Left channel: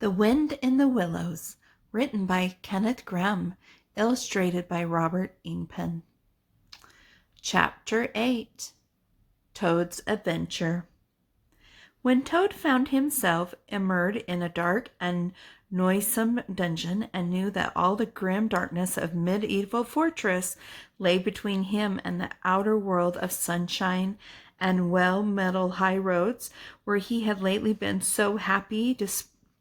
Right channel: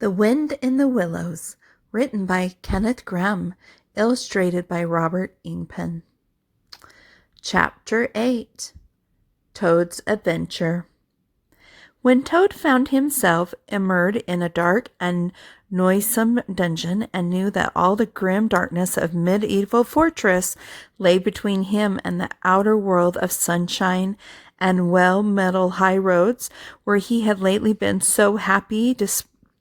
The Wind in the Willows, written by Kenneth Grahame, illustrated by Robert Ingpen. Chapter 8. Toad's Adventure. When Toad found himself immersed in a dark and noisome dungeon, and knew that all the grim darkness of medieval fortress lay between him and the outer world of sunshine and well-metalled high roads, where he had lately been so happy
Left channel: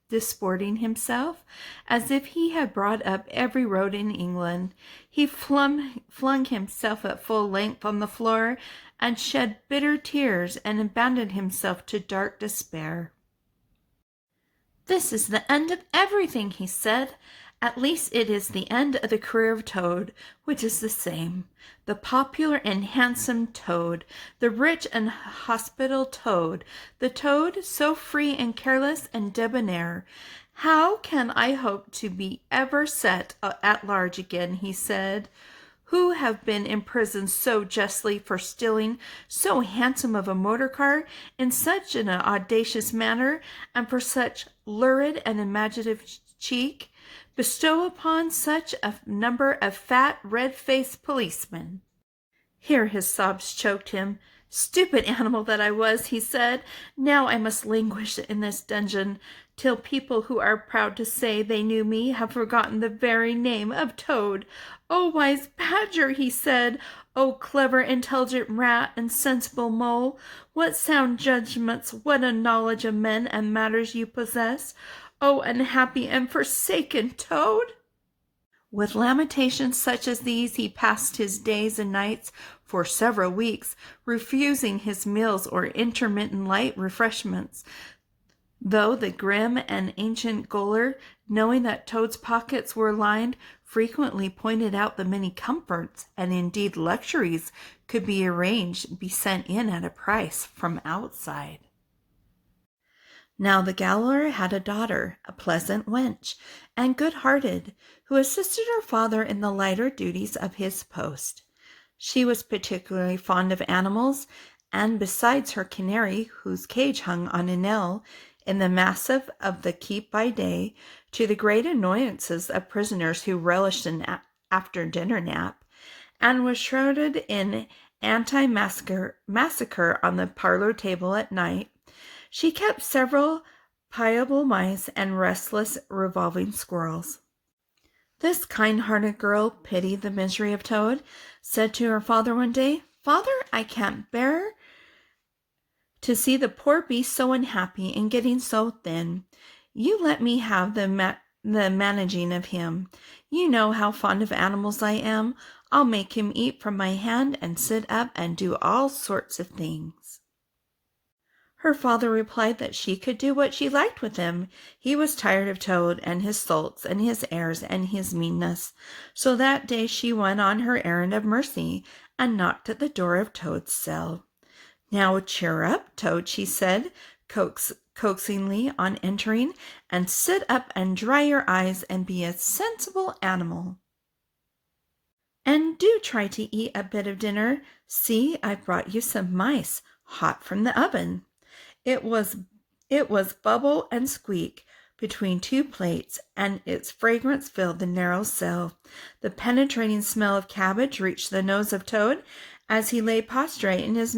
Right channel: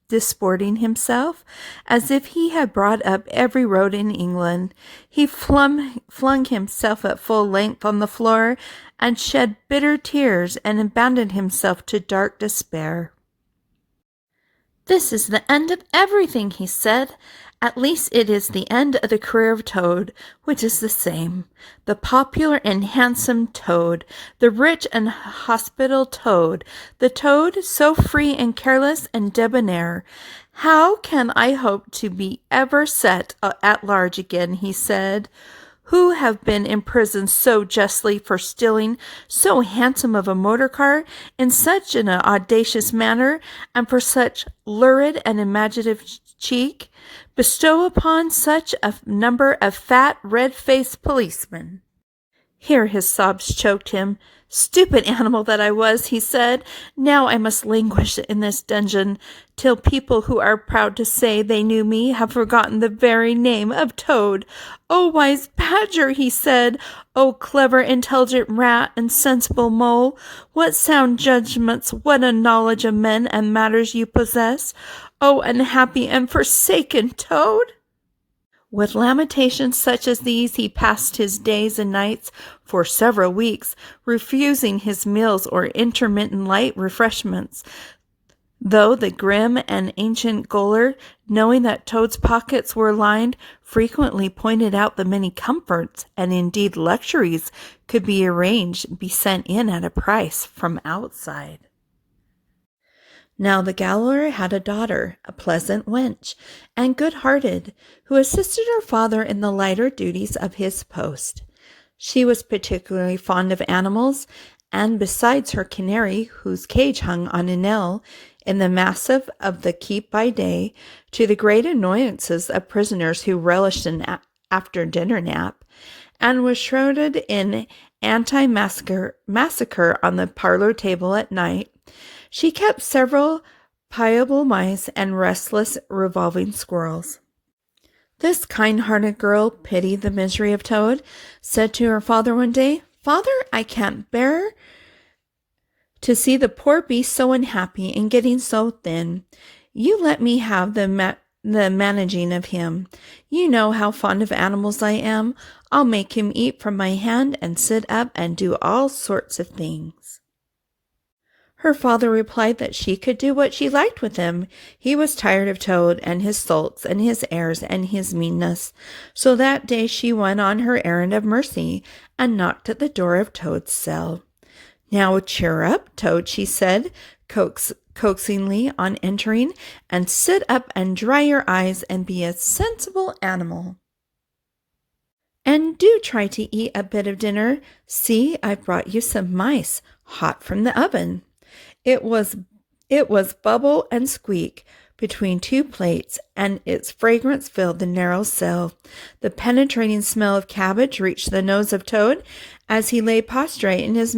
disporting himself, as if he had brought up every road in England, he flung himself at full length on the floor and shed bitter tears and abandoned himself to dark despair. "This is the end of everything," he said. "At least it is the end of the career of Toad, which is the same. The popular and handsome Toad, the rich and hospitable Toad, the Toad so free and careless and debonair. How can I hope to be ever set at large again," he said, "who have been imprisoned so justly for stealing so handsome of a motor car in such an audacious manner, and for such lurid and imaginative cheek, bestow upon such a number of fat, red-faced policemen." Here his sobs choked him. "Stupid animal that I was," he said. "Now I must languish in this dungeon till people who are proud to say they knew me have forgotten the very name of Toad. Oh, wise badger," he said, "oh, clever, intelligent rat and sensible mole, what sound judgments, what a knowledge of men and matters you possess. Oh, unhappy and forsaken Toad!" With lamentations such as these he passed his days and nights for several weeks, refusing his meals or intermittent light refreshments, though the grim and ancient gaoler, knowing that Toad's pockets were lined, frequently pointed out the many comforts, and indeed luxuries, could be sent in at a price from outside. Now the gaoler had a daughter, a pleasant wench, and good-hearted, who assisted her father in the lighter duties of his post. She was particularly fond of animals, and besides her canary, whose cage hung on a nail in the massive of the keep by day, to the great annoyances of prisoners who relished an after-dinner nap, and was shrouded in anti-massacre on the parlor table at night, she kept several pliable mice and restless revolving squirrels. This kind-hearted girl pitied the misery of Toad, said to her father one day, "Father, I can't bear to see the poor beast so unhappy and getting so thin. You let me have the managing of him. You know how fond of animals I am. I'll make him eat from my hand and sit up and do all sorts of things." Her father replied that she could do what she liked with him. He was tired of Toad and his sulks and his airs and his meanness. So that day she went on her errand of mercy and knocked at the door of Toad's cell. "Now cheer up, Toad," she said coaxingly on entering, "and sit up and dry your eyes and be a sensible animal. And do try to eat a bit of dinner. See, I've brought you some mice, hot from the oven." It was bubble and squeak between two plates, and its fragrance filled the narrow cell. The penetrating smell of cabbage reached the nose of Toad as he lay prostrate in his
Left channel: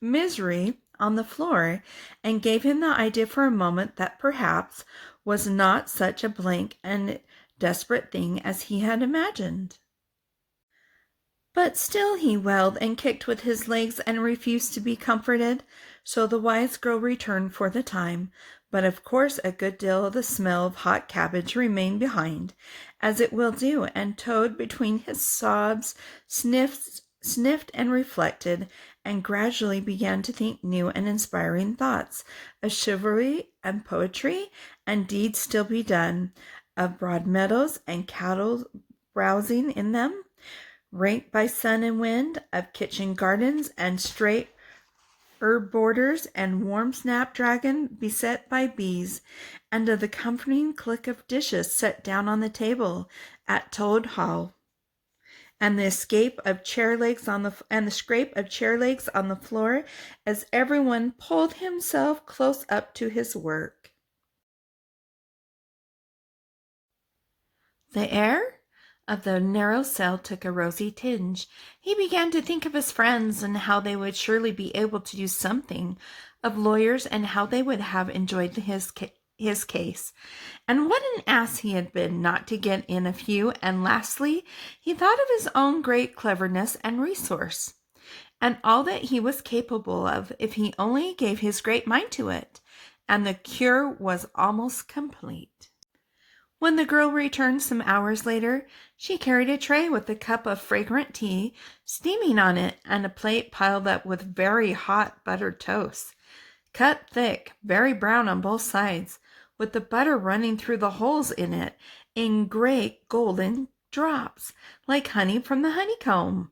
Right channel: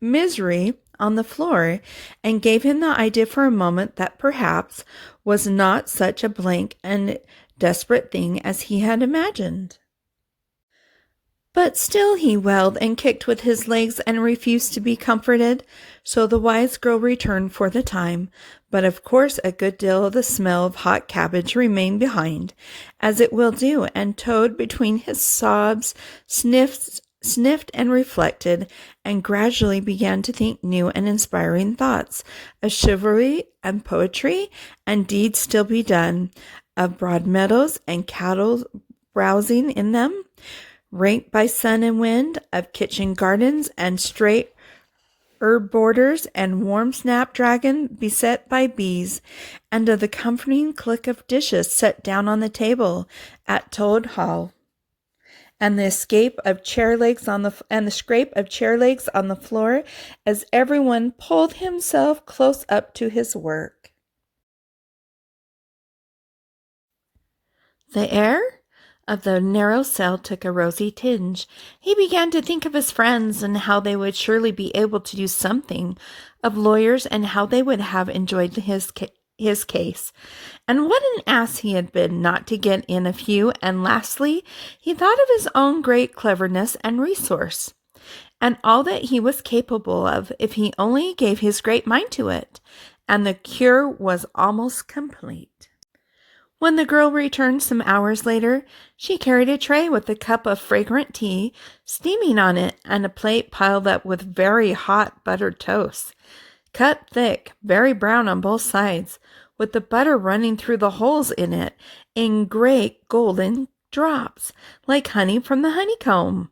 misery on the floor, and gave him the idea for a moment that perhaps was not such a blank and desperate thing as he had imagined. But still he wailed and kicked with his legs and refused to be comforted. So the wise girl returned for the time, but of course a good deal of the smell of hot cabbage remained behind, as it will do, and Toad, between his sobs, sniffed and reflected, and gradually began to think new and inspiring thoughts of chivalry and poetry and deeds still be done, of broad meadows and cattle browsing in them, raked by sun and wind, of kitchen gardens and straight herb borders and warm snapdragon beset by bees, and of the comforting click of dishes set down on the table at Toad Hall, and the scrape of chair legs on the floor as everyone pulled himself close up to his work. The air of the narrow cell took a rosy tinge. He began to think of his friends and how they would surely be able to do something, of lawyers and how they would have enjoyed his case. And what an ass he had been not to get in a few. And lastly, he thought of his own great cleverness and resource, and all that he was capable of if he only gave his great mind to it. And the cure was almost complete. When the girl returned some hours later, she carried a tray with a cup of fragrant tea steaming on it and a plate piled up with very hot buttered toast, cut thick, very brown on both sides, with the butter running through the holes in it in great golden drops, like honey from the honeycomb.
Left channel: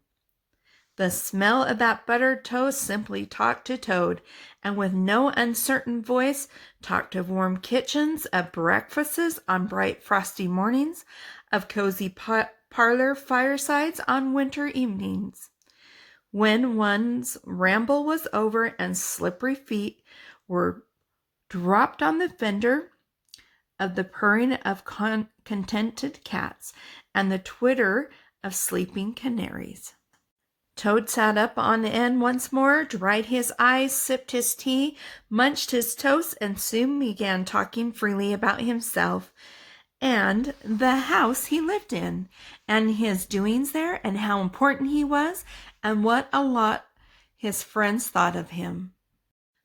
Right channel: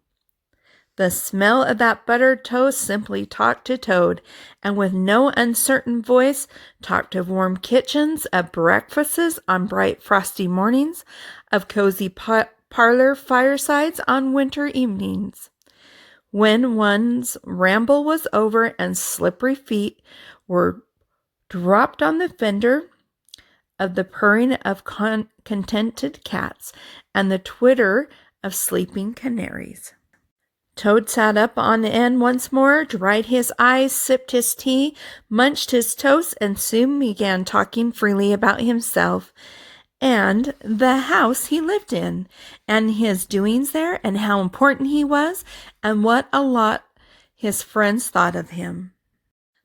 The smell of that buttered toast simply talked to Toad, and with no uncertain voice talked of warm kitchens, of breakfasts on bright frosty mornings, of cozy parlor firesides on winter evenings. When one's ramble was over and slippery feet were dropped on the fender, of the purring of contented cats and the twitter of sleeping canaries. Toad sat up on end once more, dried his eyes, sipped his tea, munched his toast, and soon began talking freely about himself and the house he lived in, and his doings there, and how important he was, and what a lot his friends thought of him.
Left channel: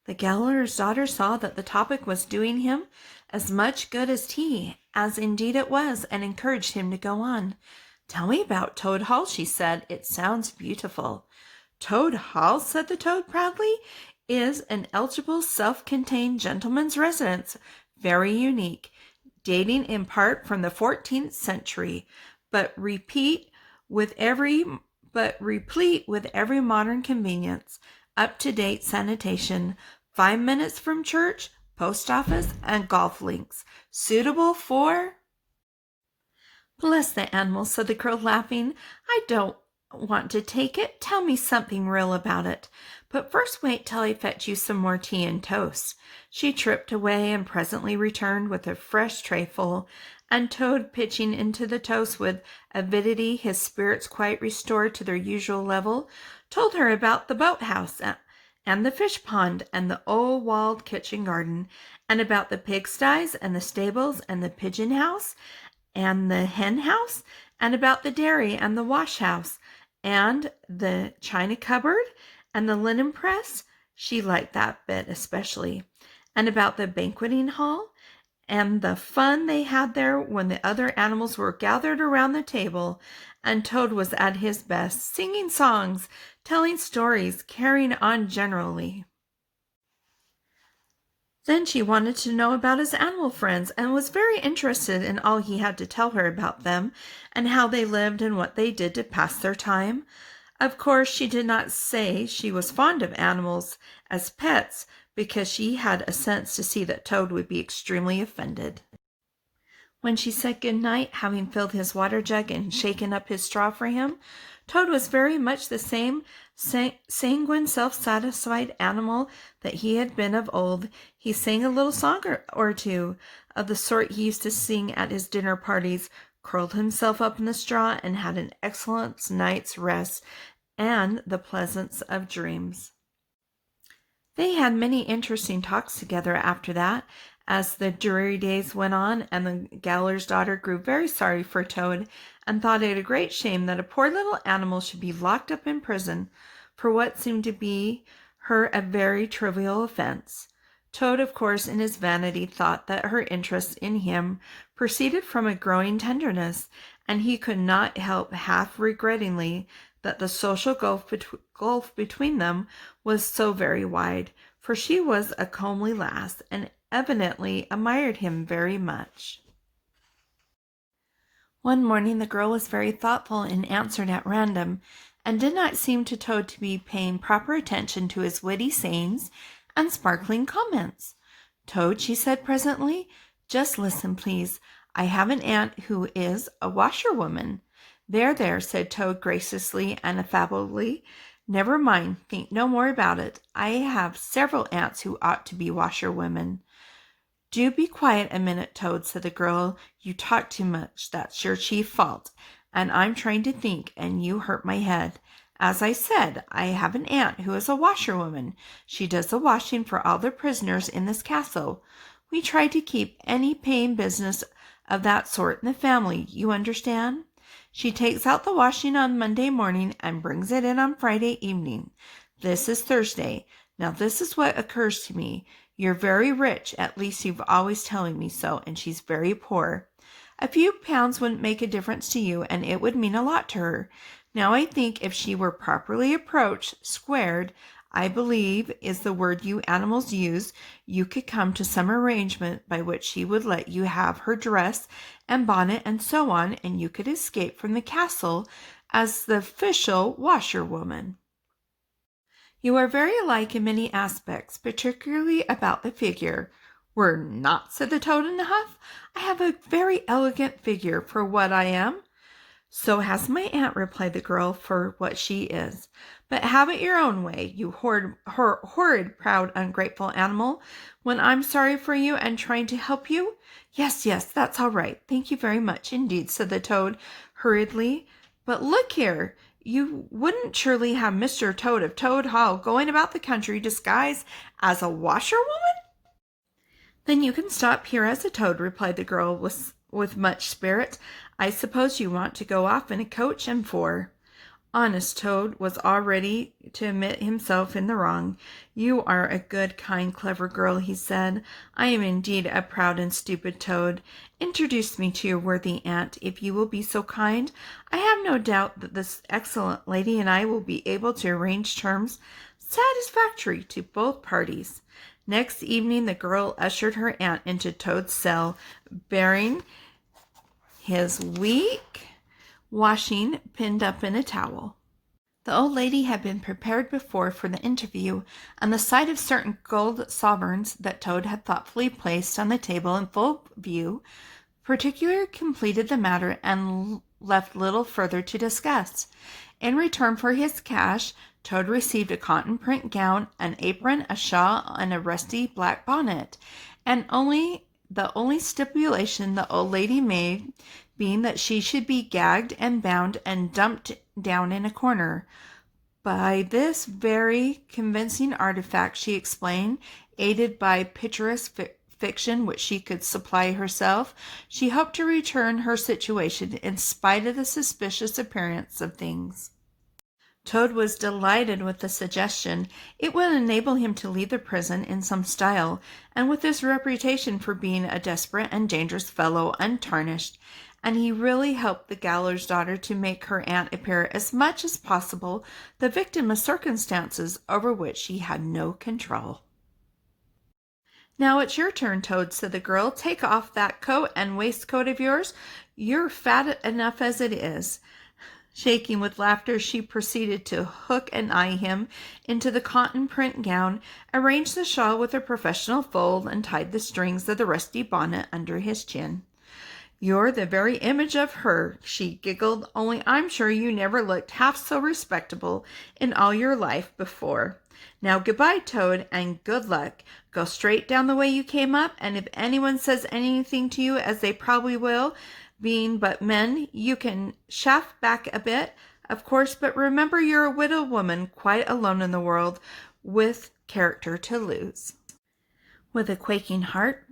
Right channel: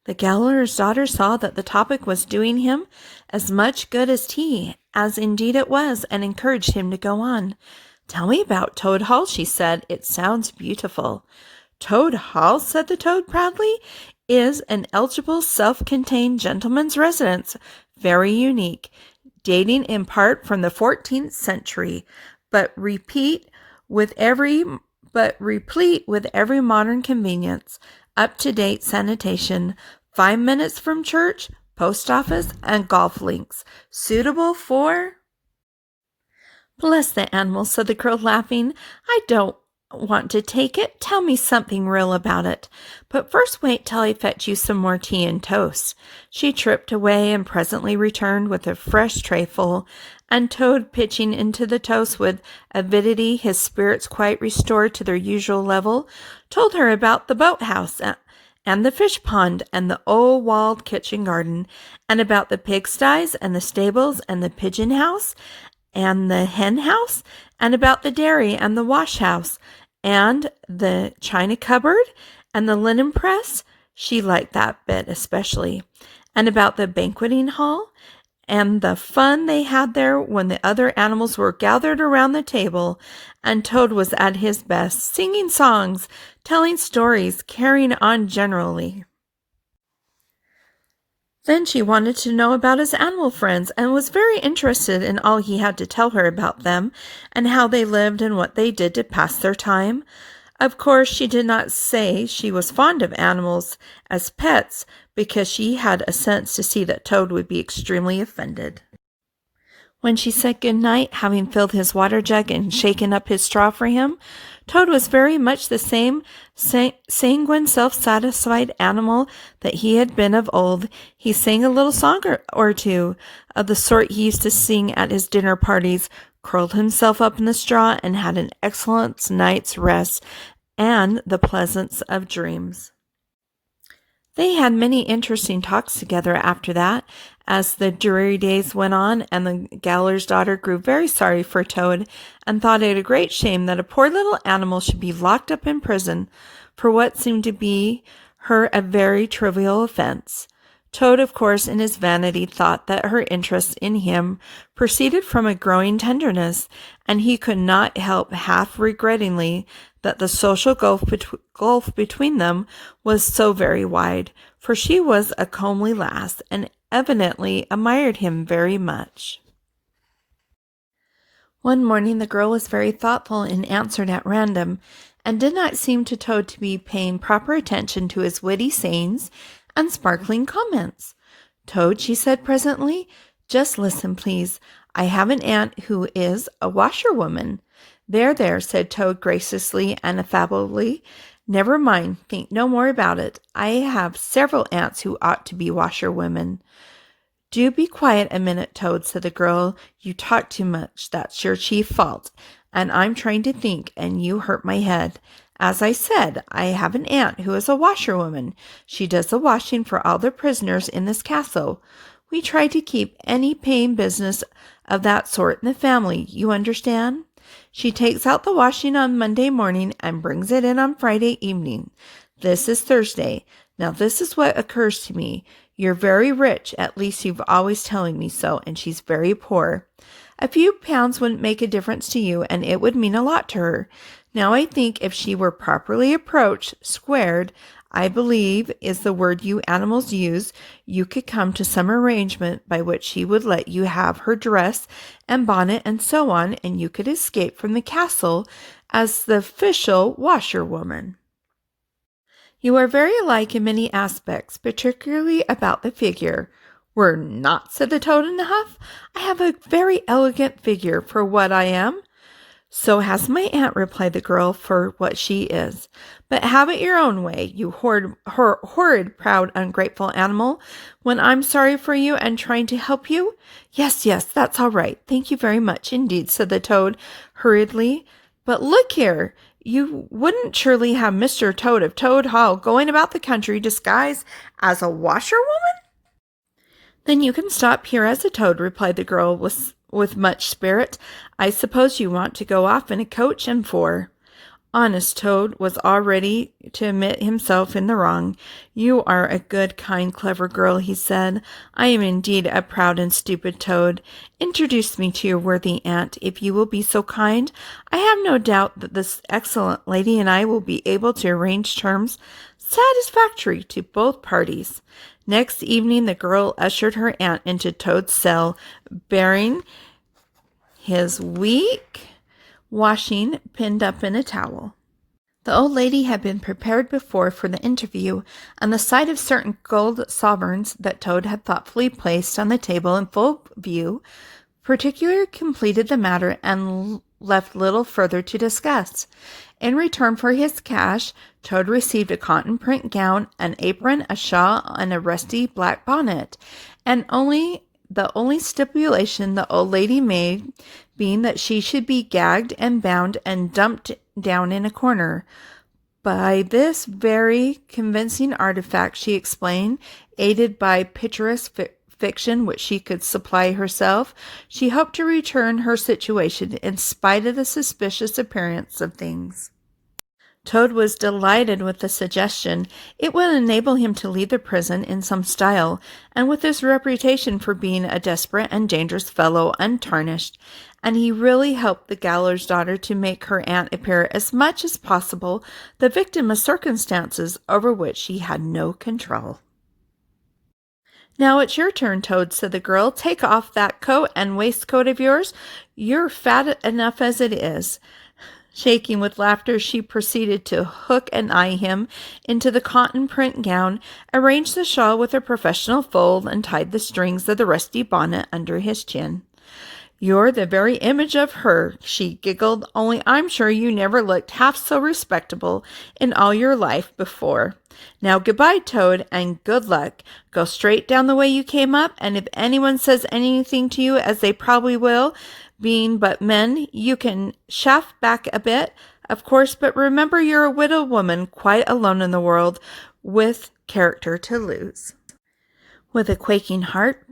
The Gaoler's daughter saw that the topic was doing him as much good as tea, as indeed it was, and encouraged him to go on. "Tell me about Toad Hall," she said. "It sounds beautiful." "Toad Hall," said the Toad proudly, "is an eligible, self-contained gentleman's residence, very unique, dating in part from the 14th century, but replete with every modern convenience, up-to-date sanitation, 5 minutes from church, post office, and golf links, suitable for—" "Bless the animal," said the girl, laughing. "I don't want to take it. Tell me something real about it. But first wait till I fetch you some more tea and toast." She tripped away and presently returned with a fresh tray full, and Toad, pitching into the toast with avidity, his spirits quite restored to their usual level, told her about the boathouse and the fish pond and the old walled kitchen garden, and about the pigsties and the stables and the pigeon house and the hen house, and about the dairy and the wash house, and the china cupboard and the linen press, she liked that bit especially, and about the banqueting hall, and the fun they had there when the other animals were gathered around the table, and Toad was at his best, singing songs, telling stories, carrying on generally. Then she wanted to know about his animal friends, and was very interested in all he had to tell her about them, and how they lived and what they did to pass their time. Of course, she did not say she was fond of animals as pets, because she had a sense to see that Toad would be extremely offended. When she said good night, having filled his water jug and shaken up his straw for him, Toad was very much the same sanguine, self-satisfied animal that he had been of old. He sang a little song or two, of the sort he used to sing at his dinner parties, curled himself up in the straw, and had an excellent night's rest and the pleasance of dreams. They had many interesting talks together after that, as the dreary days went on, and the Gaoler's daughter grew very sorry for Toad, and thought it a great shame that a poor little animal should be locked up in prison for what seemed to be her a very trivial offense. Toad, of course, in his vanity, thought that her interest in him proceeded from a growing tenderness, and he could not help half regrettingly that the social gulf between them was so very wide, for she was a comely lass, and evidently admired him very much. One morning the girl was very thoughtful and answered at random, and did not seem to Toad to be paying proper attention to his witty sayings and sparkling comments. "Toad," she said presently, "just listen, please. I have an aunt who is a washerwoman." "There, there," said Toad graciously and affably. "Never mind, think no more about it. I have several aunts who ought to be washerwomen." "Do be quiet a minute, Toad," said the girl. "You talk too much. That's your chief fault. And I'm trying to think, and you hurt my head. As I said, I have an aunt who is a washerwoman. She does the washing for all the prisoners in this castle. We try to keep any paying business of that sort in the family, you understand? She takes out the washing on Monday morning and brings it in on Friday evening. This is Thursday. Now this is what occurs to me. You're very rich, at least you've always telling me so, and she's very poor. A few pounds wouldn't make a difference to you, and it would mean a lot to her. Now I think if she were properly approached, squared, I believe is the word you animals use, you could come to some arrangement by which she would let you have her dress and bonnet and so on, and you could escape from the castle as the official washerwoman. You are very alike in many aspects, particularly about the figure." "We're not," said the Toad in a huff. "I have a very elegant figure for what I am." "So has my aunt," replied the girl, "for what she is. But have it your own way, you horrid, proud, ungrateful animal, when I'm sorry for you and trying to help you." Yes, that's all right. Thank you very much indeed," said the Toad hurriedly. "But look here, you wouldn't surely have Mr. Toad of Toad Hall going about the country disguised as a washerwoman?" "Then you can stop here as a toad," replied the girl with much spirit. "I suppose you want to go off in a coach and four." Honest Toad was all ready to admit himself in the wrong. "You are a good, kind, clever girl," he said. "I am indeed a proud and stupid Toad. Introduce me to your worthy aunt, if you will be so kind. I have no doubt that this excellent lady and I will be able to arrange terms satisfactory to both parties." Next evening the girl ushered her aunt into Toad's cell, bearing his weak washing pinned up in a towel. The old lady had been prepared before for the interview, and the sight of certain gold sovereigns that Toad had thoughtfully placed on the table in full view particularly completed the matter and left little further to discuss. In return for his cash, Toad received a cotton print gown, an apron, a shawl, and a rusty black bonnet, and the only stipulation the old lady made being that she should be gagged and bound and dumped down in a corner. By this very convincing artifact, she explained, aided by picturesque fiction which she could supply herself, she hoped to return her situation in spite of the suspicious appearance of things. Toad was delighted with the suggestion. It would enable him to leave the prison in some style, and with his reputation for being a desperate and dangerous fellow untarnished, and he really helped the gallows daughter to make her aunt appear as much as possible the victim of circumstances over which she had no control. "Now it's your turn, Toad," said the girl. "Take off that coat and waistcoat of yours. You're fat enough as it is." Shaking with laughter, she proceeded to hook and eye him into the cotton print gown, arranged the shawl with a professional fold, and tied the strings of the rusty bonnet under his chin. "You're the very image of her," she giggled, "only I'm sure you never looked half so respectable in all your life before. Now goodbye, Toad, and good luck. Go straight down the way you came up, and if anyone says anything to you, as they probably will, being but men, you can shaft back a bit, of course, but remember you're a widowed woman, quite alone in the world, with character to lose." With a quaking heart,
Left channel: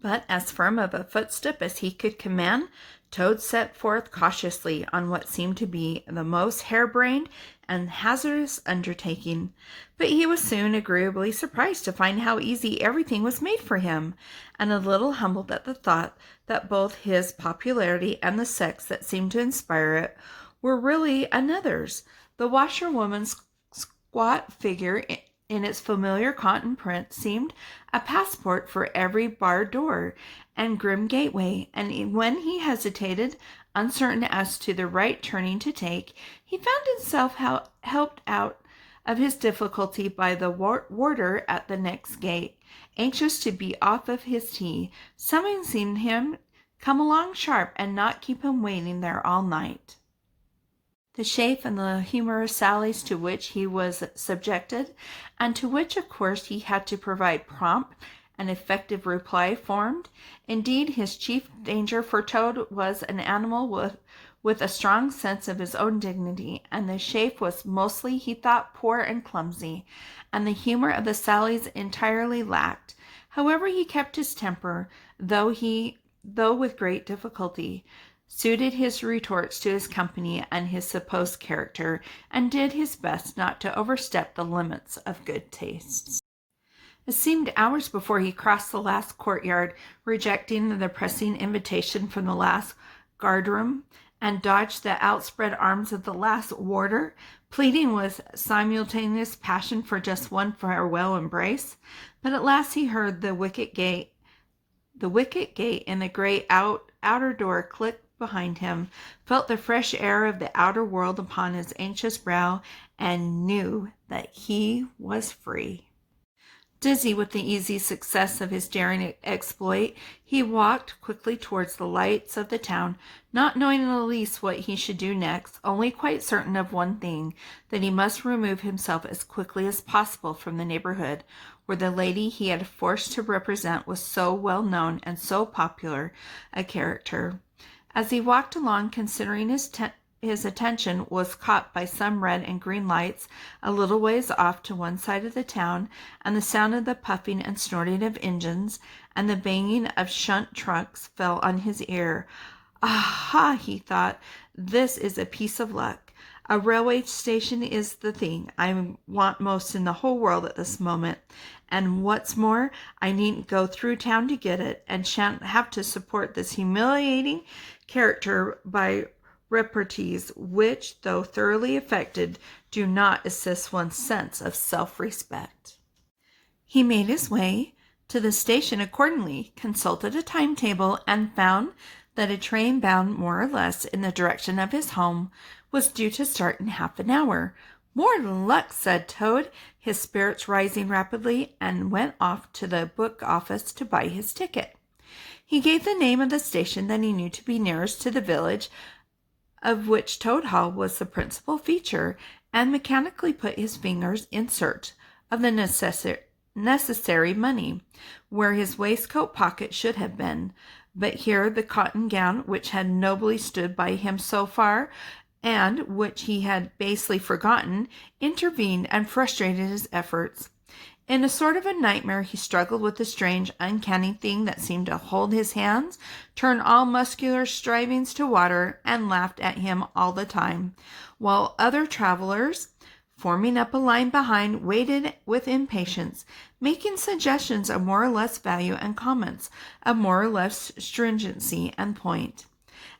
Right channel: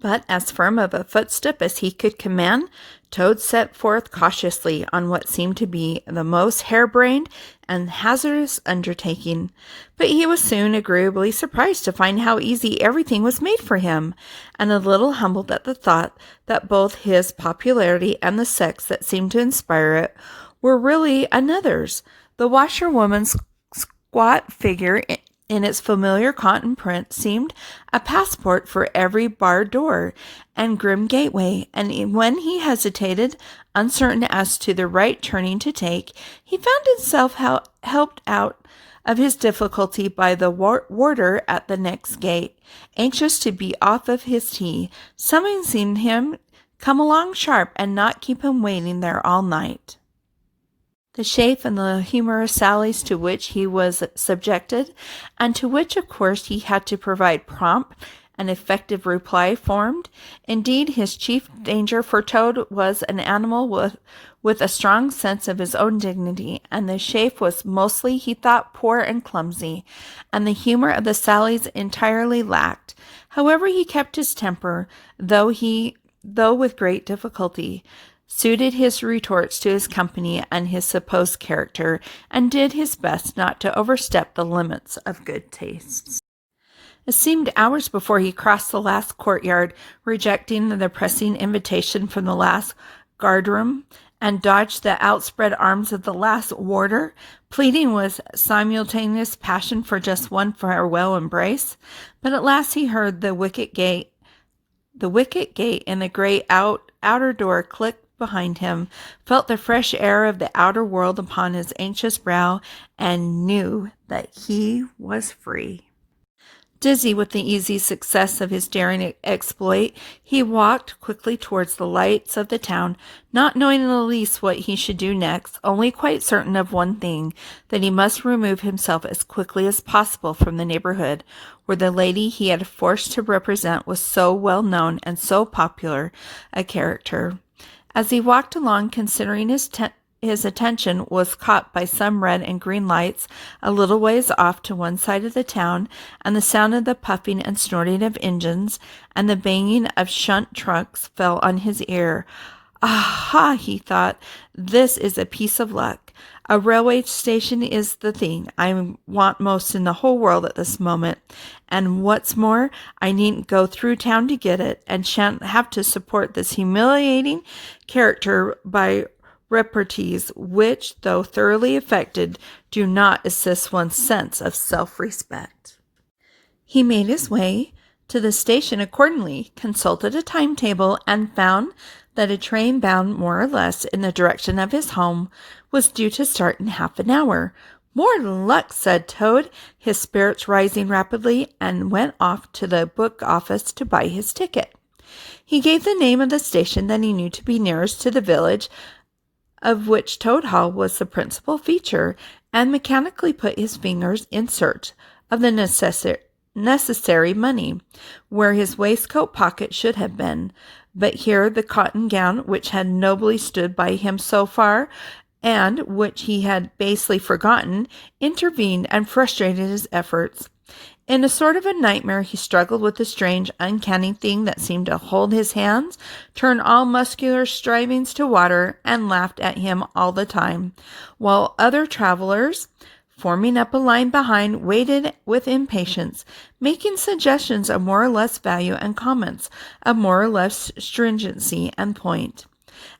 but as firm of a footstep as he could command, Toad set forth cautiously on what seemed to be the most harebrained and hazardous undertaking. But he was soon agreeably surprised to find how easy everything was made for him, and a little humbled at the thought that both his popularity and the sex that seemed to inspire it were really another's. The washerwoman's squat figure in its familiar cotton print seemed a passport for every barred door and grim gateway, and when he hesitated, uncertain as to the right turning to take, he found himself helped out of his difficulty by the warder at the next gate, anxious to be off of his tea, summoning him come along sharp and not keep him waiting there all night. The chaff and the humorous sallies to which he was subjected, and to which, of course, he had to provide prompt an effective reply formed. Indeed, his chief danger for Toad was an animal with a strong sense of his own dignity, and the shape was mostly, he thought, poor and clumsy, and the humor of the sallies entirely lacked. However, he kept his temper, though with great difficulty, suited his retorts to his company and his supposed character, and did his best not to overstep the limits of good taste. It seemed hours before he crossed the last courtyard, rejecting the pressing invitation from the last guardroom, and dodged the outspread arms of the last warder, pleading with simultaneous passion for just one farewell embrace. But at last he heard the wicket gate in the great outer door click behind him, felt the fresh air of the outer world upon his anxious brow, and knew that he was free. Dizzy with the easy success of his daring exploit, he walked quickly towards the lights of the town, not knowing in the least what he should do next, only quite certain of one thing, that he must remove himself as quickly as possible from the neighborhood, where the lady he had forced to represent was so well known and so popular a character. As he walked along, considering his attention was caught by some red and green lights a little ways off to one side of the town, and the sound of the puffing and snorting of engines and the banging of shunt trucks fell on his ear. Aha, he thought, this is a piece of luck. A railway station is the thing I want most in the whole world at this moment, and what's more, I needn't go through town to get it, and shan't have to support this humiliating character by repartees which, though thoroughly affected, do not assist one's sense of self-respect. He made his way to the station accordingly, consulted a timetable, and found that a train bound more or less in the direction of his home was due to start in half an hour. More luck, said Toad, his spirits rising rapidly, and went off to the book office to buy his ticket. He gave the name of the station that he knew to be nearest to the village, of which Toad Hall was the principal feature, and mechanically put his fingers in search of the necessary money, where his waistcoat pocket should have been. But here the cotton gown, which had nobly stood by him so far, and which he had basely forgotten, intervened and frustrated his efforts. In a sort of a nightmare, he struggled with the strange, uncanny thing that seemed to hold his hands, turn all muscular strivings to water, and laughed at him all the time, while other travelers, forming up a line behind, waited with impatience, making suggestions of more or less value and comments of more or less stringency and point.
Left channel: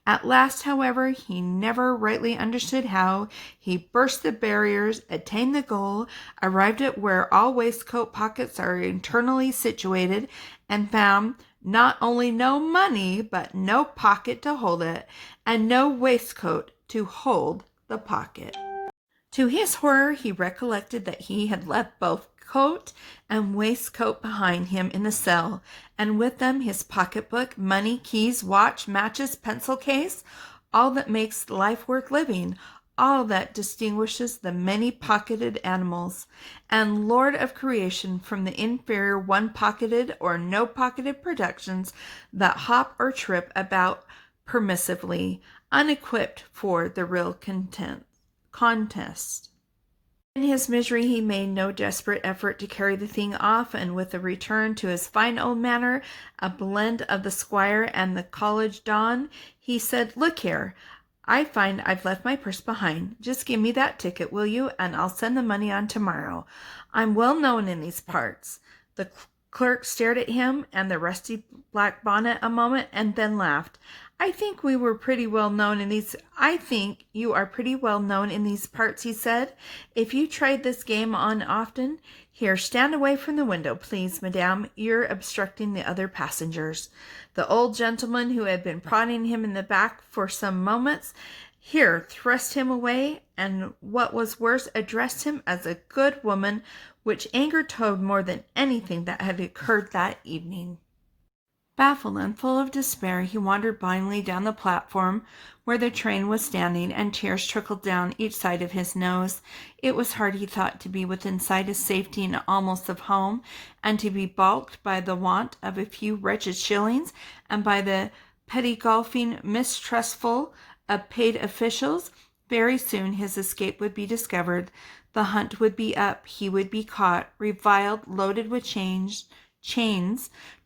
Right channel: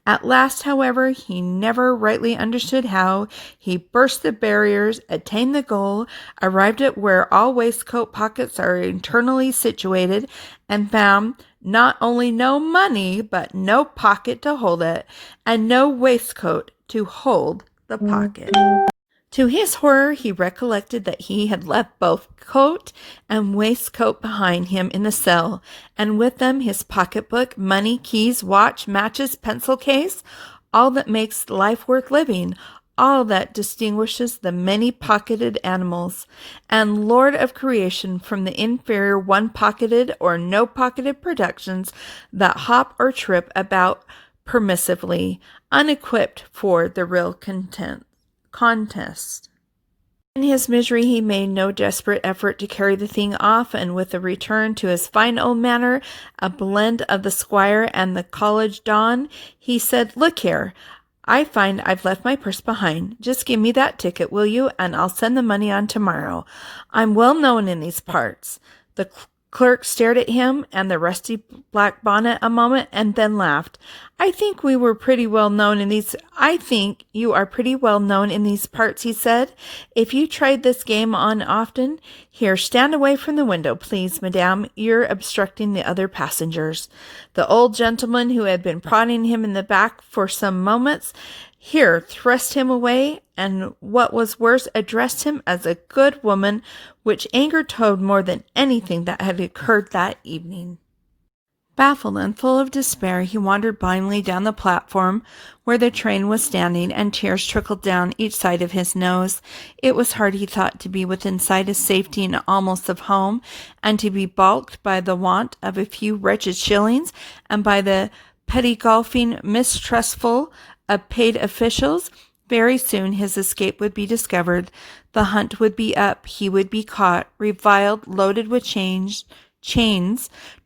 At last, however, he never rightly understood how, he burst the barriers, attained the goal, arrived at where all waistcoat pockets are internally situated, and found not only no money, but no pocket to hold it, and no waistcoat to hold the pocket. To his horror, he recollected that he had left both coat and waistcoat behind him in the cell, and with them his pocketbook, money, keys, watch, matches, pencil case, all that makes life worth living, all that distinguishes the many-pocketed animals, and lord of creation from the inferior one-pocketed or no-pocketed productions that hop or trip about permissively, unequipped for the real contest. In his misery, he made no desperate effort to carry the thing off, and with a return to his fine old manner, a blend of the squire and the college don, he said, "Look here, I find I've left my purse behind. Just give me that ticket, will you, and I'll send the money on tomorrow. I'm well known in these parts." The clerk stared at him and the rusty black bonnet a moment, and then laughed. I think you are pretty well known in these parts, he said. "If you tried this game on often, here, stand away from the window, please, madame. You're obstructing the other passengers." The old gentleman, who had been prodding him in the back for some moments, here thrust him away, and what was worse, addressed him as a good woman, which angered Toad more than anything that had occurred that evening. Baffled and full of despair, he wandered blindly down the platform where the train was standing, and tears trickled down each side of his nose. It was hard, he thought, to be within sight of safety and almost of home, and to be balked by the want of a few wretched shillings, and by the petty golfing mistrustful of paid officials. Very soon his escape would be discovered. The hunt would be up. He would be caught, reviled, loaded with chains,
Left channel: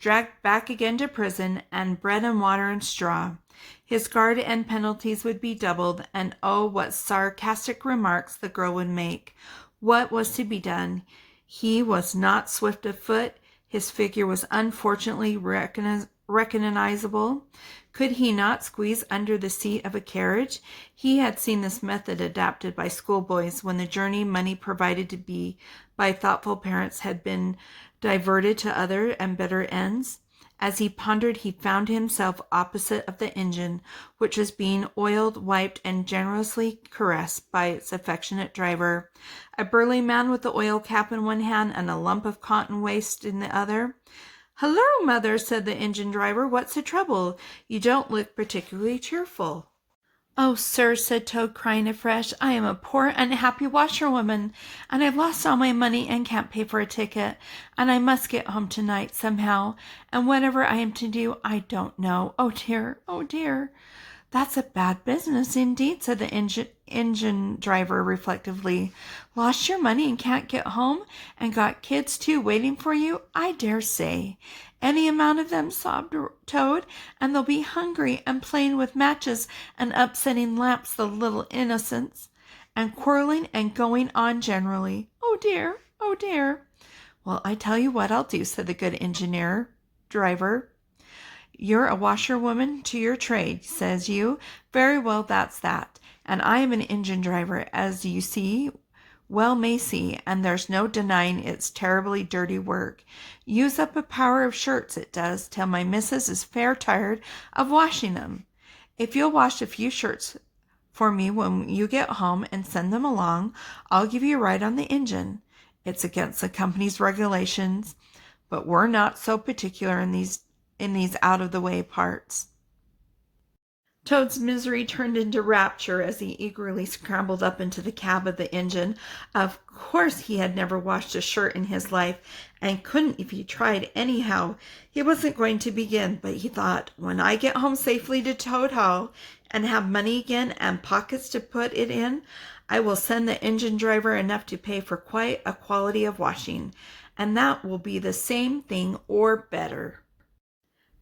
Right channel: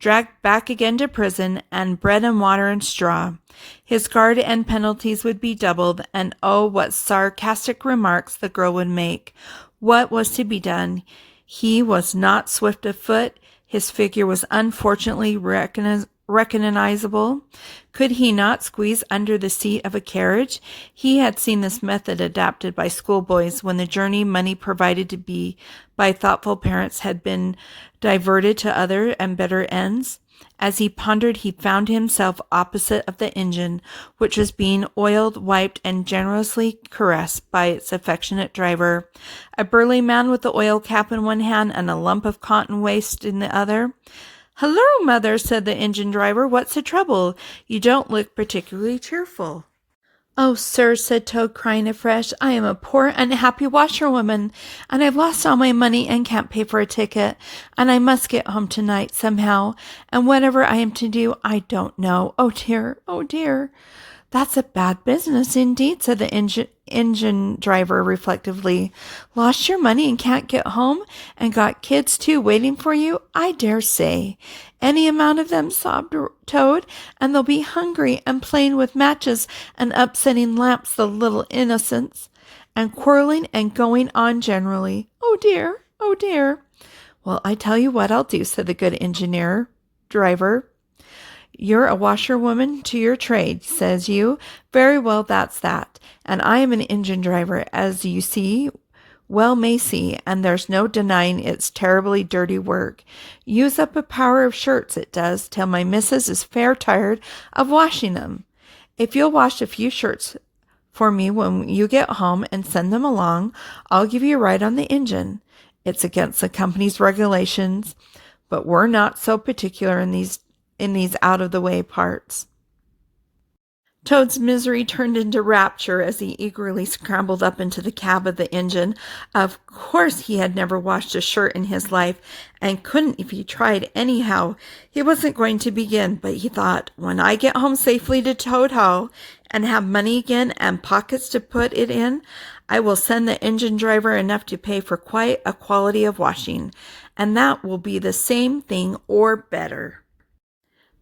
dragged back again to prison, and bread and water and straw. His guard and penalties would be doubled, and oh, what sarcastic remarks the girl would make. What was to be done? He was not swift of foot. His figure was unfortunately recognizable. Could he not squeeze under the seat of a carriage? He had seen this method adapted by schoolboys when the journey money provided to be by thoughtful parents had been diverted to other and better ends. As he pondered, he found himself opposite of the engine, which was being oiled, wiped, and generously caressed by its affectionate driver, a burly man with the oil cap in one hand and a lump of cotton waste in the other. "Hello, mother," said the engine driver. "What's the trouble? You don't look particularly cheerful." "Oh, sir," said Toad, crying afresh, "I am a poor, unhappy washerwoman, and I've lost all my money and can't pay for a ticket, and I must get home tonight somehow, and whatever I am to do, I don't know. Oh, dear, oh, dear." "That's a bad business indeed," said the engine driver reflectively. "Lost your money and can't get home, and got kids, too, waiting for you? I dare say. Any amount of them," sobbed Toad, "and they'll be hungry and playing with matches and upsetting lamps, the little innocents, and quarreling and going on generally. Oh, dear, oh, dear." "Well, I tell you what I'll do," said the good driver. "You're a washerwoman to your trade, says you. Very well, that's that. And I am an engine driver, as you may see, and there's no denying it's terribly dirty work. Use up a power of shirts, it does, till my missus is fair tired of washing them. If you'll wash a few shirts for me when you get home and send them along, I'll give you a ride on the engine. It's against the company's regulations, but we're not so particular in these out-of-the-way parts." Toad's misery turned into rapture as he eagerly scrambled up into the cab of the engine. Of course he had never washed a shirt in his life, and couldn't if he tried anyhow. He wasn't going to begin, but he thought, when I get home safely to Toad Hall and have money again and pockets to put it in, I will send the engine driver enough to pay for quite a quality of washing, and that will be the same thing or better.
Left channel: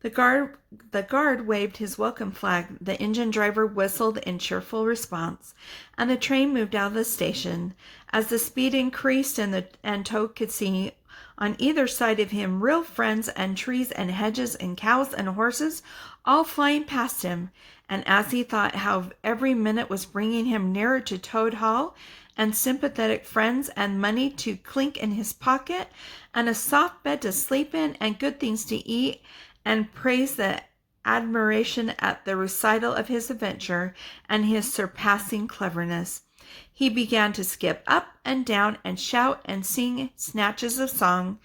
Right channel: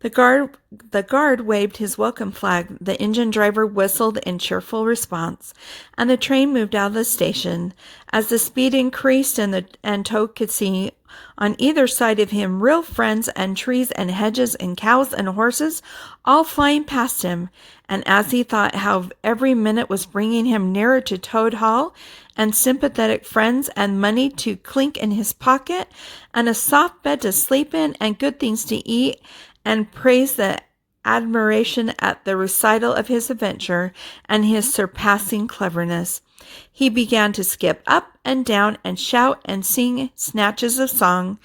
The guard waved his welcome flag. The engine driver whistled in cheerful response, and the train moved out of the station. As the speed increased and Toad could see on either side of him real friends and trees and hedges and cows and horses all flying past him, and as he thought how every minute was bringing him nearer to Toad Hall, and sympathetic friends and money to clink in his pocket, and a soft bed to sleep in, and good things to eat, and praised the admiration at the recital of his adventure and his surpassing cleverness, he began to skip up and down and shout and sing snatches of song,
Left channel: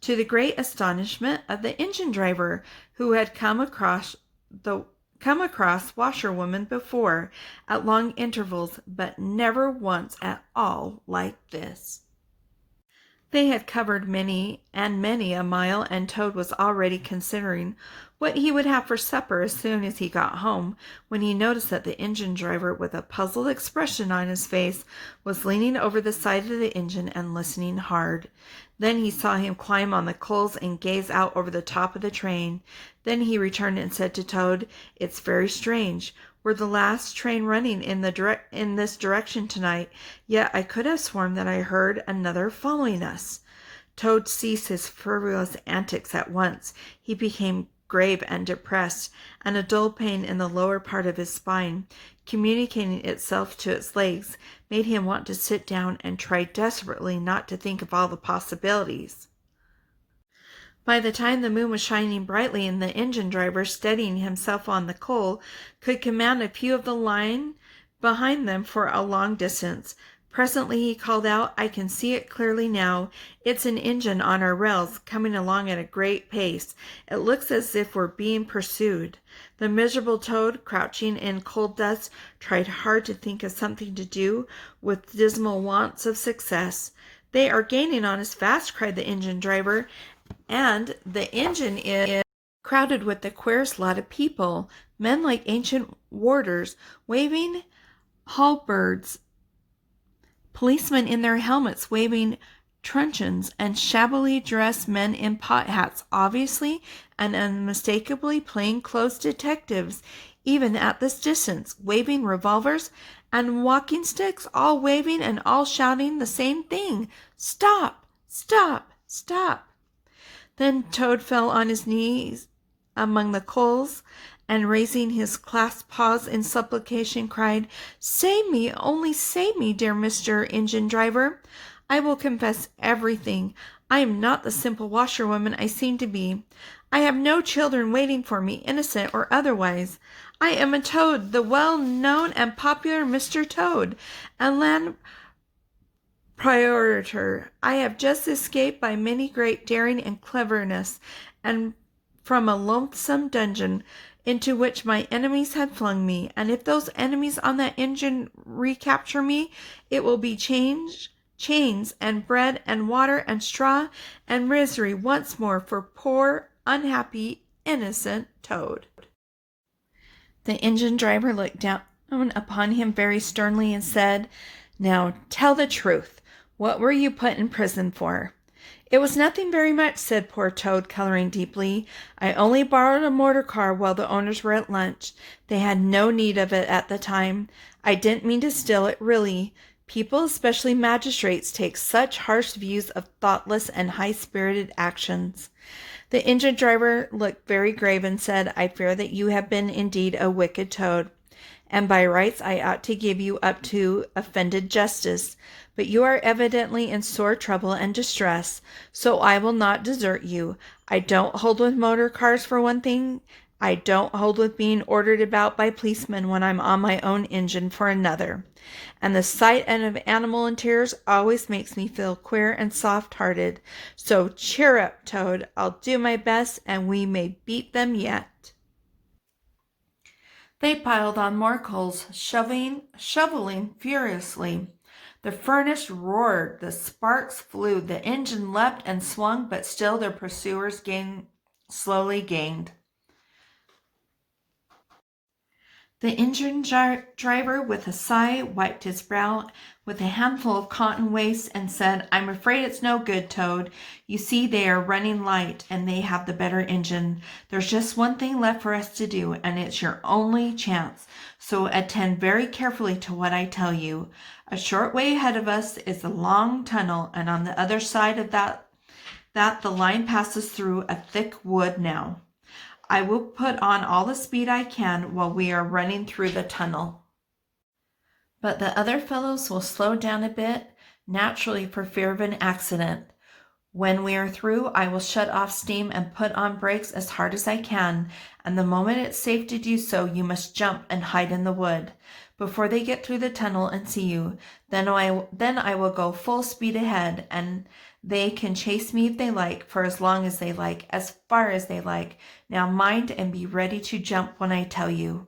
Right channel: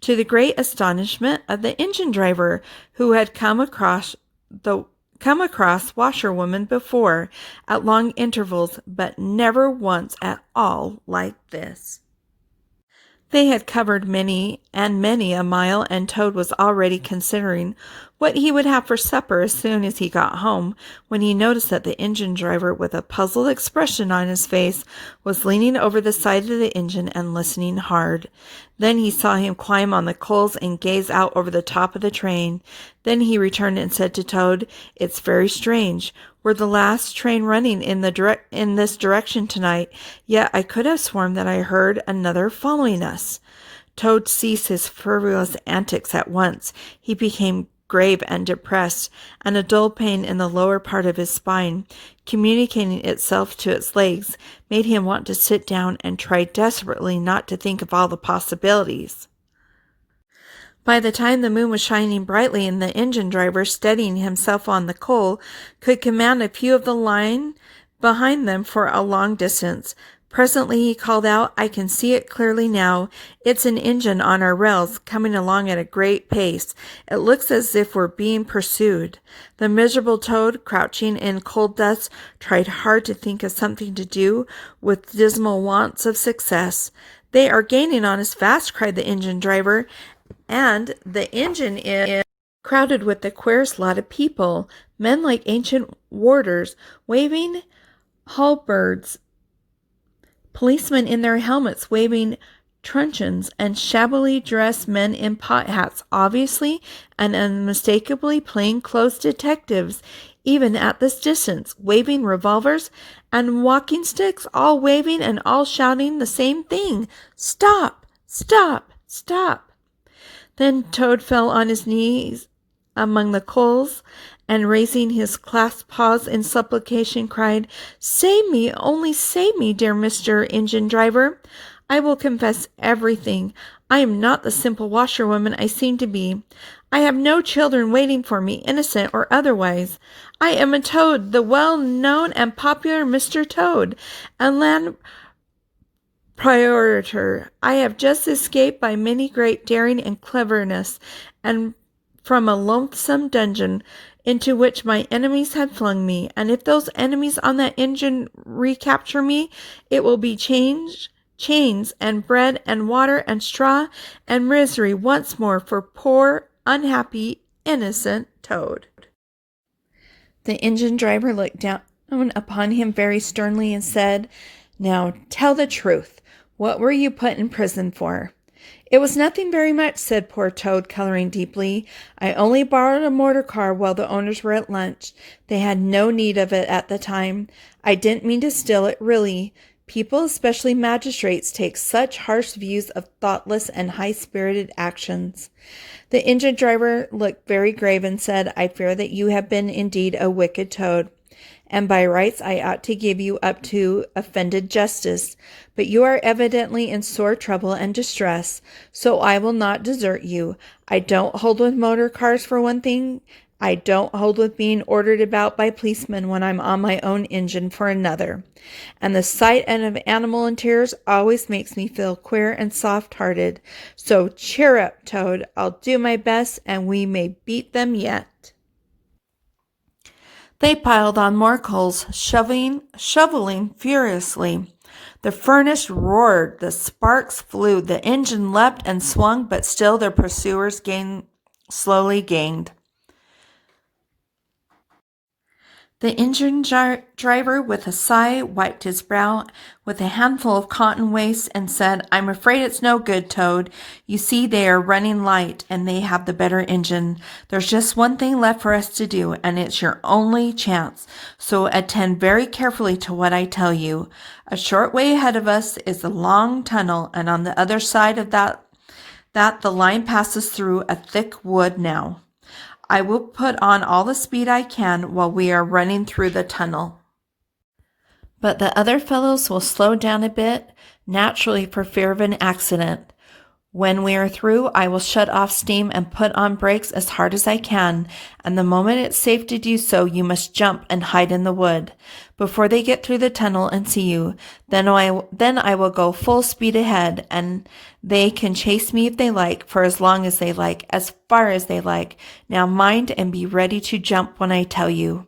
to the great astonishment of the engine driver, who had come across washerwomen before at long intervals, but never once at all like this. They had covered many a mile, and Toad was already considering what he would have for supper as soon as he got home, when he noticed that the engine driver, with a puzzled expression on his face, was leaning over the side of the engine and listening hard. Then he saw him climb on the coals and gaze out over the top of the train. Then he returned and said to Toad, "It's very strange. We're the last train running in this direction tonight, yet I could have sworn that I heard another following us." Toad ceased his frivolous antics at once. He became grave and depressed, and a dull pain in the lower part of his spine, communicating itself to its legs, made him want to sit down and try desperately not to think of all the possibilities. By the time the moon was shining brightly and the engine driver, steadying himself on the coal, could command a view of the line behind them for a long distance, Presently he called out, "I can see it clearly now. It's an engine on our rails coming along at a great pace. It looks as if we're being pursued." The miserable Toad, crouching in cold dust, tried hard to think of something to do with dismal wants of success. "They are gaining on us fast," cried the engine driver, "and the engine is crowded with the queerest lot of people, men like ancient warders, waving halberds, policemen in their helmets waving truncheons, and shabbily dressed men in pot hats, obviously and unmistakably plain-clothes detectives, even at this distance, waving revolvers and walking sticks, all waving and all shouting the same thing: 'Stop! Stop! Stop!'" Then Toad fell on his knees among the coals, and raising his clasped paws in supplication, cried, "Save me, only save me, dear Mr. Engine Driver. I will confess everything. I am not the simple washerwoman I seem to be. I have no children waiting for me, innocent or otherwise. I am a Toad, the well-known and popular Mr. Toad, a land proprietor. I have just escaped by many great daring and cleverness, and from a loathsome dungeon into which my enemies had flung me. And if those enemies on that engine recapture me, it will be chains and bread and water and straw and misery once more for poor, unhappy, innocent Toad." The engine driver looked down upon him very sternly and said, "Now tell the truth. What were you put in prison for?" "It was nothing very much," said poor Toad, coloring deeply. "I only borrowed a motor car while the owners were at lunch. They had no need of it at the time. I didn't mean to steal it, really. People, especially magistrates, take such harsh views of thoughtless and high-spirited actions." The engine driver looked very grave and said, "I fear that you have been indeed a wicked Toad, and by rights I ought to give you up to offended justice. But you are evidently in sore trouble and distress, so I will not desert you. I don't hold with motor cars for one thing. I don't hold with being ordered about by policemen when I'm on my own engine for another. And the sight of animal in tears always makes me feel queer and soft-hearted. So cheer up, Toad. I'll do my best, and we may beat them yet." They piled on more coals, shoveling furiously. The furnace roared, the sparks flew, the engine leapt and swung, but still their pursuers slowly gained. The engine driver, with a sigh, wiped his brow with a handful of cotton waste and said, "I'm afraid it's no good, Toad. You see, they are running light, and they have the better engine. There's just one thing left for us to do, and it's your only chance. So attend very carefully to what I tell you. A short way ahead of us is a long tunnel, and on the other side of that the line passes through a thick wood now. I will put on all the speed I can while we are running through the tunnel. But the other fellows will slow down a bit, naturally for fear of an accident. When we are through, I will shut off steam and put on brakes as hard as I can, and the moment it's safe to do so, you must jump and hide in the wood before they get through the tunnel and see you. Then I will go full speed ahead, and they can chase me if they like, for as long as they like, as far as they like. Now mind and be ready to jump when I tell you."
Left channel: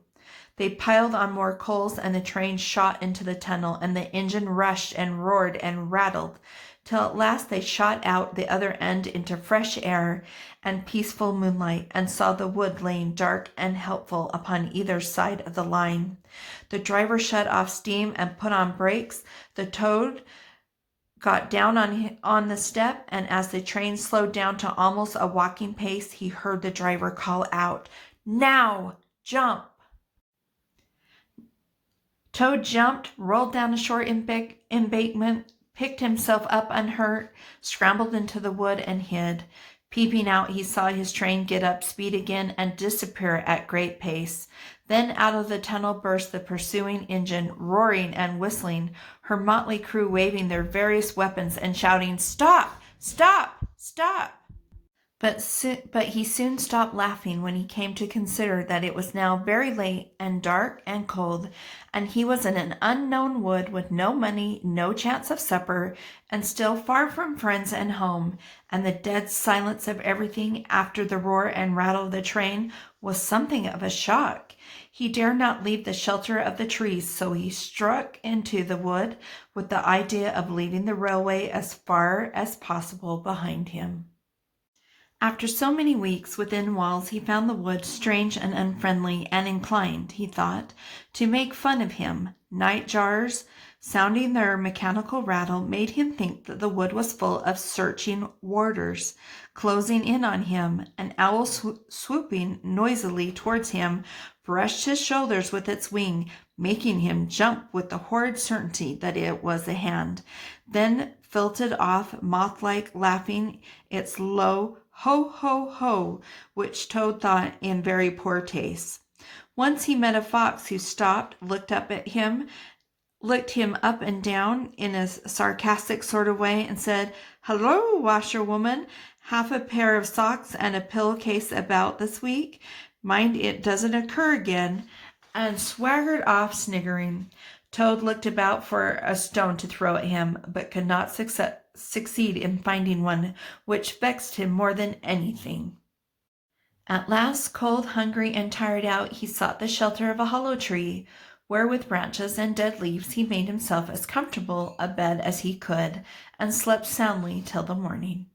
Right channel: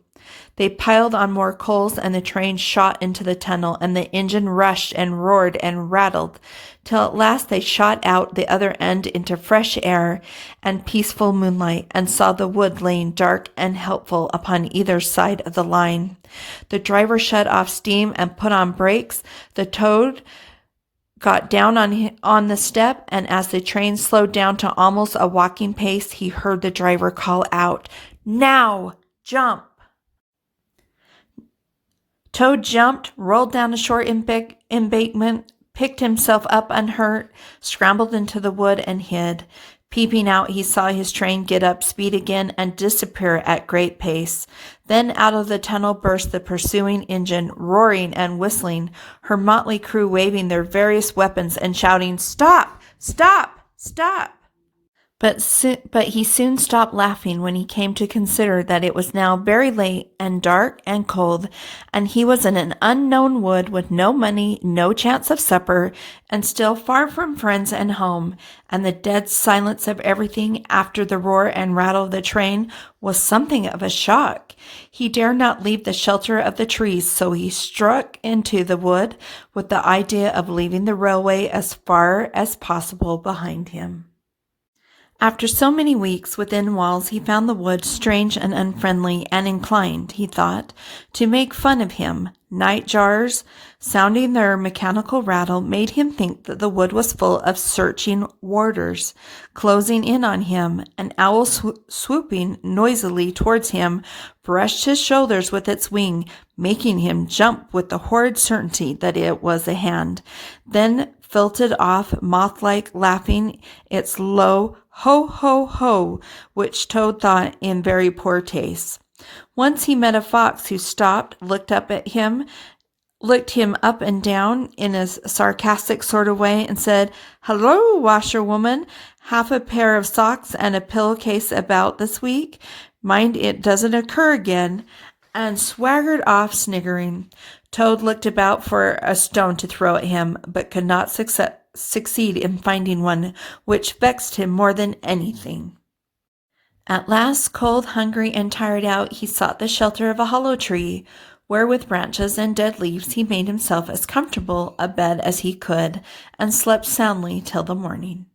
They piled on more coals, and the train shot into the tunnel, and the engine rushed and roared and rattled, till at last they shot out the other end into fresh air and peaceful moonlight, and saw the wood laying dark and helpful upon either side of the line. The driver shut off steam and put on brakes. The Toad got down on the step, and as the train slowed down to almost a walking pace, he heard the driver call out, "Now, jump!" Toad jumped, rolled down a short embankment, picked himself up unhurt, scrambled into the wood, and hid. Peeping out, he saw his train get up speed again and disappear at great pace. Then out of the tunnel burst the pursuing engine, roaring and whistling, her motley crew waving their various weapons and shouting, "Stop! Stop! Stop!" But he soon stopped laughing when he came to consider that it was now very late and dark and cold, and he was in an unknown wood with no money, no chance of supper, and still far from friends and home, and the dead silence of everything after the roar and rattle of the train was something of a shock. He dared not leave the shelter of the trees, so he struck into the wood with the idea of leaving the railway as far as possible behind him. After so many weeks within walls, he found the wood strange and unfriendly, and inclined, he thought, to make fun of him. Night-jars, sounding their mechanical rattle, made him think that the wood was full of searching warders, closing in on him. An owl swooping noisily towards him brushed his shoulders with its wing, making him jump with the horrid certainty that it was a hand. Then filtered off, moth-like, laughing its low ho, ho, ho, which Toad thought in very poor taste. Once he met a fox who stopped, looked him up and down in a sarcastic sort of way, and said, "Hello, washerwoman, half a pair of socks and a pillowcase about this week? Mind it doesn't occur again," and swaggered off sniggering. Toad looked about for a stone to throw at him, but could not succeed in finding one, which vexed him more than anything. At last, cold, hungry, and tired out, he sought the shelter of a hollow tree, where with branches and dead leaves he made himself as comfortable a bed as he could, and slept soundly till the morning.